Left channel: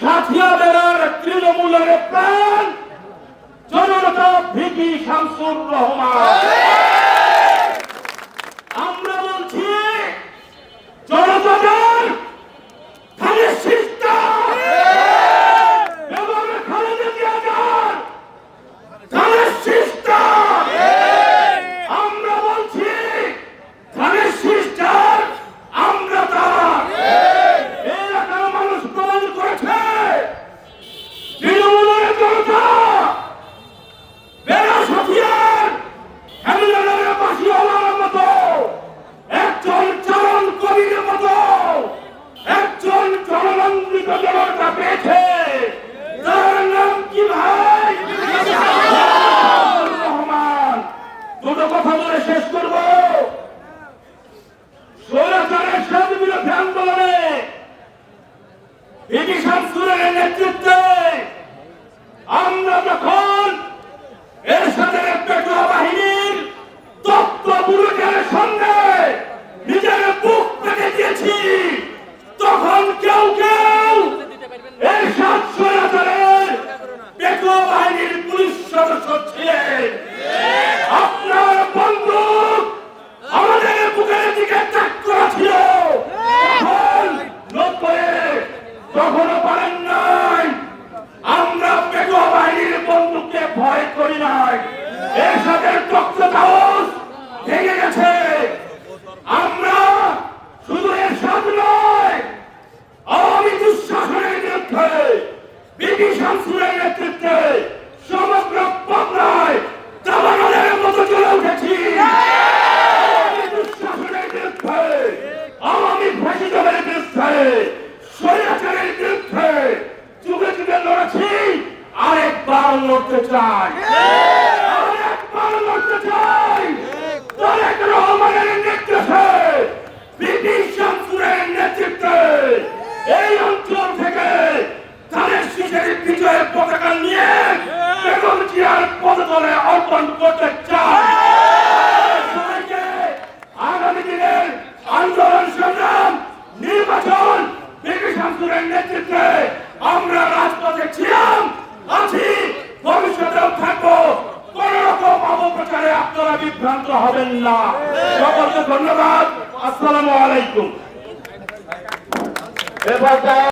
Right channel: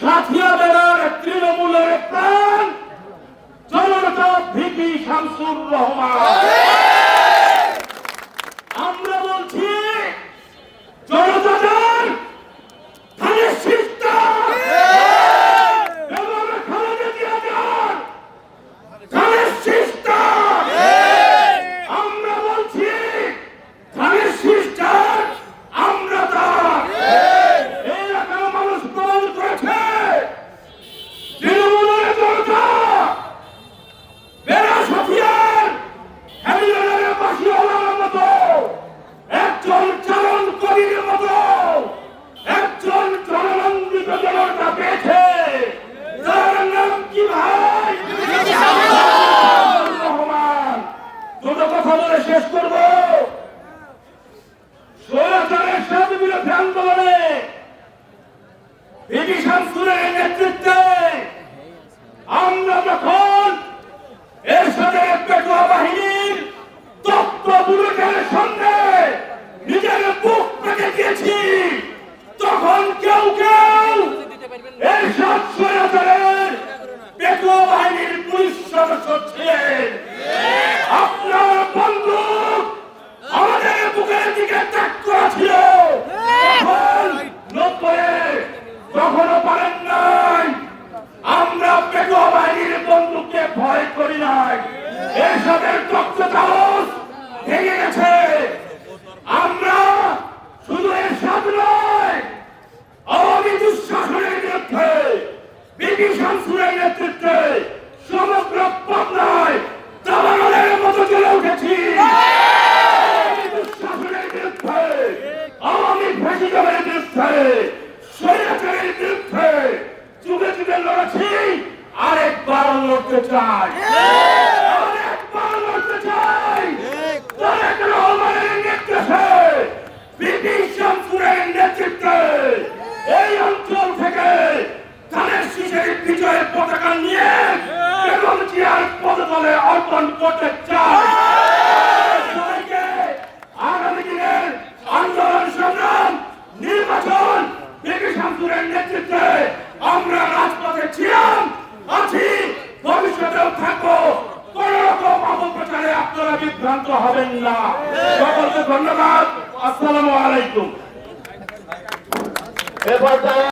সাথিয়া জেলার তৃণমূলের প্রাণ জনতা ভিপি শামসুর রহমান। শেষ করব। নেতৃত্বে আমরা যখন এর সাথে পেটোয়া বাহিনীর নিজের বুক পেতে দিয়েছি, তখন কেউ কেউ এই সাত সৈরাচারের পেটোয়া বাহিনীর পুলিশ সদস্য ছিলেন। কখনো নাই। আমরা পেটোয়া বাহিনীর বন্ধুকে ভয় করি নাই। এর রক্ত কাগজ ভেঙে গেছে। আমরা শুধু এর নয় আওয়ামী দুঃশাসনের বিরুদ্ধে বিপি শামসুরের নেতৃত্বে সমগ্র পাবনায় দাবানলের মতো চলে উঠেছি। দুঃশাসনের বিরুদ্ধে, আওয়ামী ভ্রাজিতমের বিরুদ্ধে নেতৃত্বে, ব্রিটিশ শামসুরের নেতৃত্বে, এই অঞ্চল থেকে তাদের শিশের বিজয়ের পতাকা নিয়ে এবং জিয়ার পদতলে অর্পণ করতে চাই। আন্দোলন সংগ্রাম, নির্বাচন, ব্রিটিশ শামসুরের নেতৃত্বে আপনারা বিভ্রান্ত হবেন না। সকলকে ধন্যবাদ। আসসালামু আলাইকুম। এ পর্যায়ে